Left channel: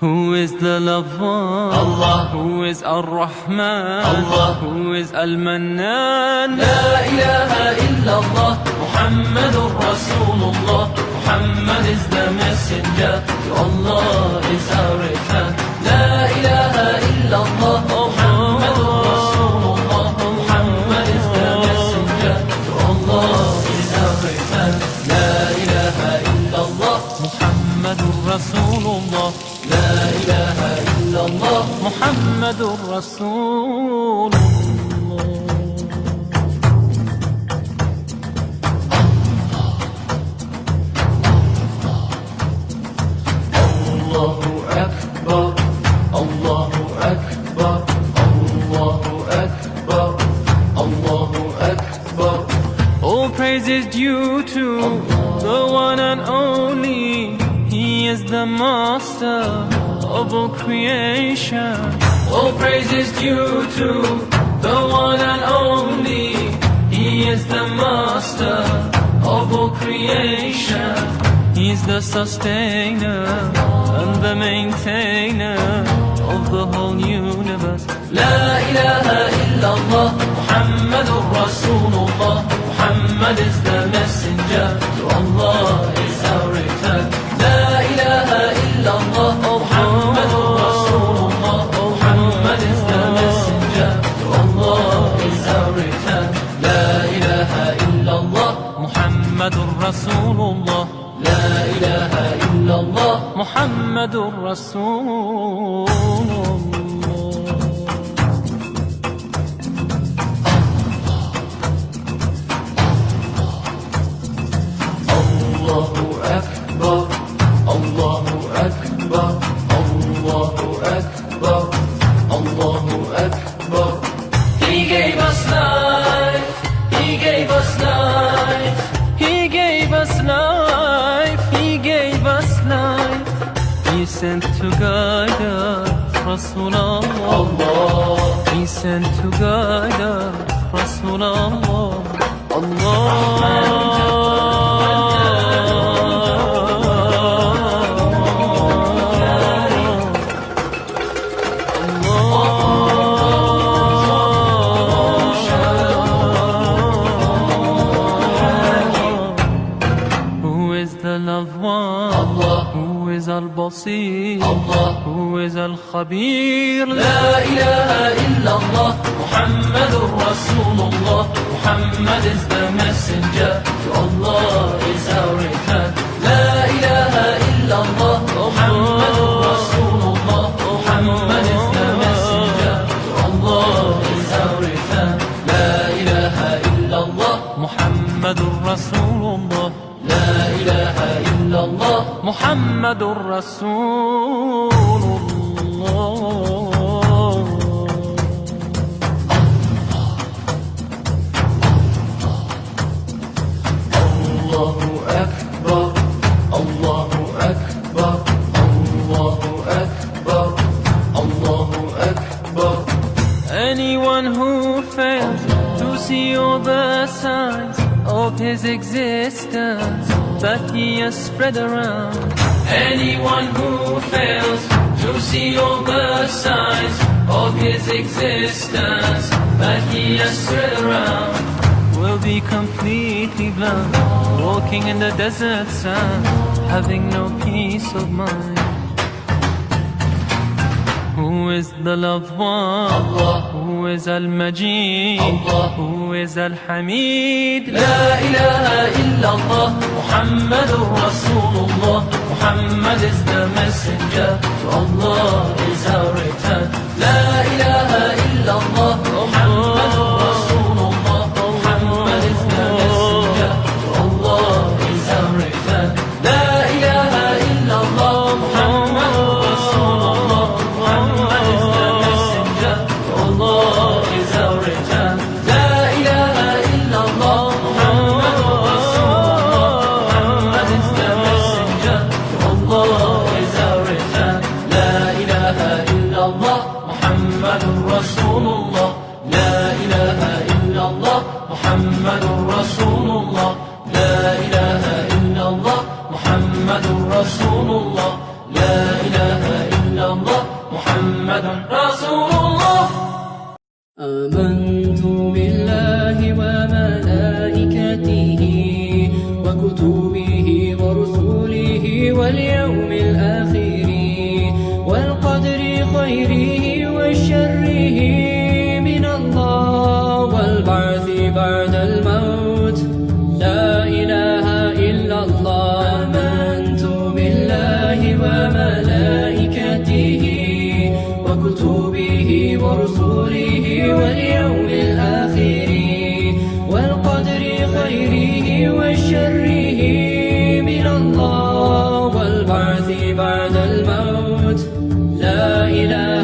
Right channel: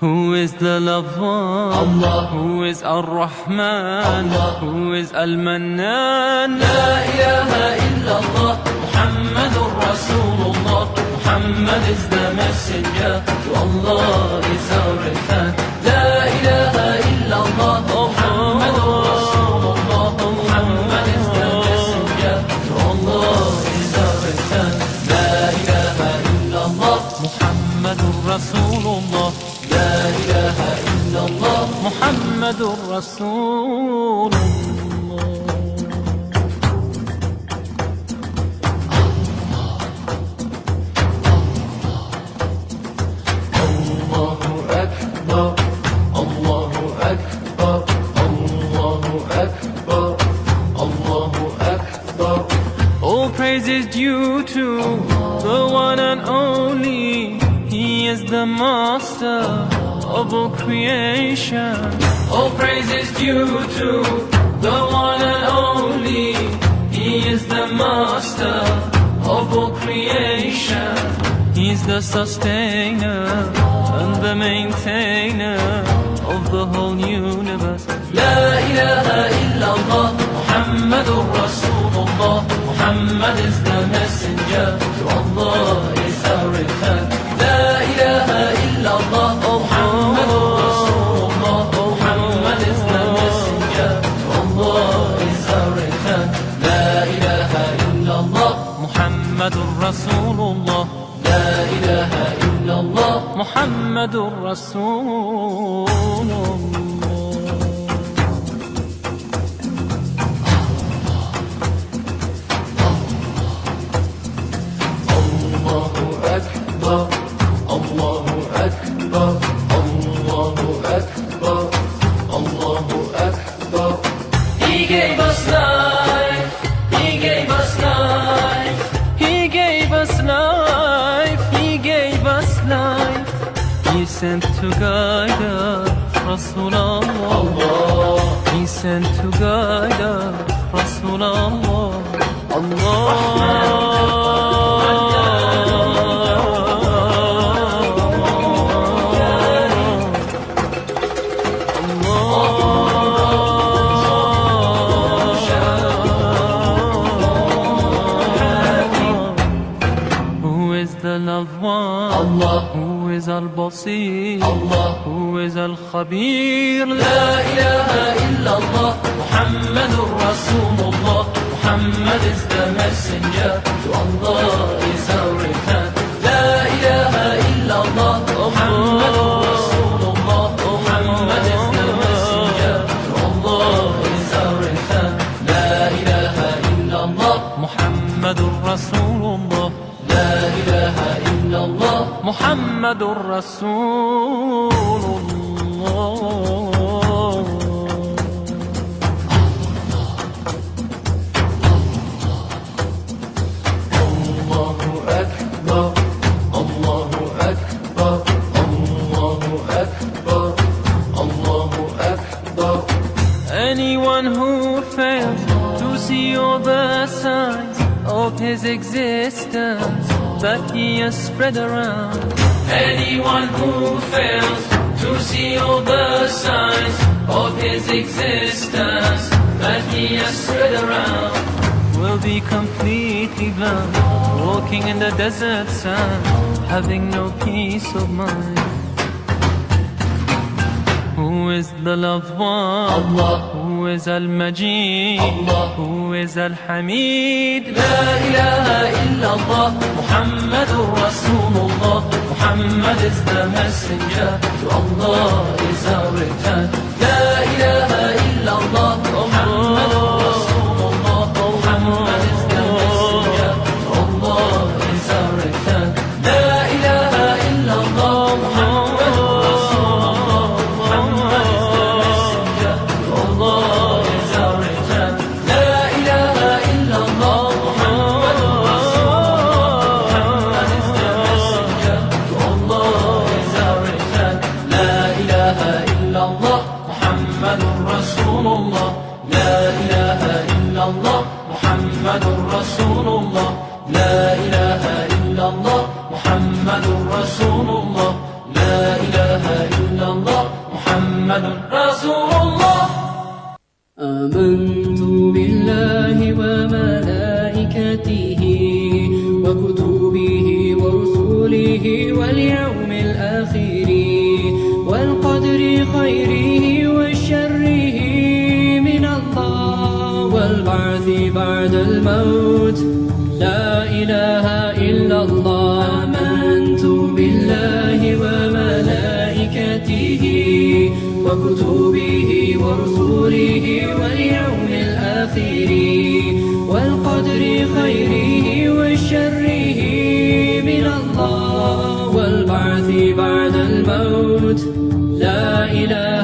Who is the loved one? Allah. Who is Ar-Rahman? Allah. Who is Al-Mannan? La ilaha illallah, Muhammadur Rasulullah. Muhammad is the messenger, to Allah is our return. La ilaha illallah, Muhammadur Rasulullah. Muhammad is the messenger, to Allah is our return. La ilaha illallah, Muhammadur Rasulullah. La ilaha illallah, Muhammadur Rasulullah. Allahu Akbar, Allahu Akbar, Allahu Akbar, Allahu Akbar. All praise is due to the one and only. He is the master of all creation. All praise is due to the one and only. He is the master of all creation. He's the sustainer and the maintainer of the whole universe. La ilaha illallah, Muhammadur Rasulullah. Muhammad is the messenger, to Allah is our return. La ilaha illallah, Muhammadur Rasulullah. Muhammad is the messenger, to Allah is our return. La ilaha illallah, Muhammadur Rasulullah. La ilaha illallah, Muhammadur Rasulullah. Allahu Akbar, Allahu Akbar, Allahu Akbar, Allahu Akbar. He gave us life, He gave us life. He gave us life, He gave us life. He sent to guide us, Rasulallah. He sent to guide us, Rasulallah. Who is the loved one? Who is Al-Basir? Who is Al-Khabir? La ilaha illallah, Muhammadur Rasulullah. Muhammad is the messenger, to Allah is our return. La ilaha illallah, Muhammadur Rasulullah. Muhammad is the messenger, to Allah is our return. La ilaha illallah, Muhammadur Rasulullah. La ilaha illallah, Muhammadur Rasulullah. Allahu Akbar, Allahu Akbar, Allahu Akbar, Allahu Akbar. Anyone who fails to see all the signs of his existence that he has spread around, Anyone who fails to see all the signs of his existence that he has spread around will be completely blind, walking in the desert sand, having no peace of mind. Who is the loved one? Who is Al-Majid? Who is Al-Hamid? La ilaha illallah, Muhammadur Rasulullah. Muhammad is the messenger, to Allah is our return. La ilaha illallah, Muhammadur Rasulullah. Muhammad is the messenger, to Allah is our return. La ilaha illallah, Muhammadur Rasulullah. Muhammad is the messenger, to Allah is our return. La ilaha illallah, Muhammadur Rasulullah. Muhammad is the messenger, to Allah is our return. La ilaha illallah, Muhammadur Rasulullah. La ilaha illallah, Muhammadur Rasulullah. La ilaha illallah, Muhammadur Rasulullah. La ilaha illallah. محمد رسول الله. آمنت بالله وملائكته وكتبه ورسله واليوم الآخر والقدر خيره وشره من الله والبعث بعد الموت لا إله إلا الله. آمنت بالله وملائكته وكتبه ورسله واليوم الآخر والقدر خيره وشره من الله والبعث بعد الموت لا إله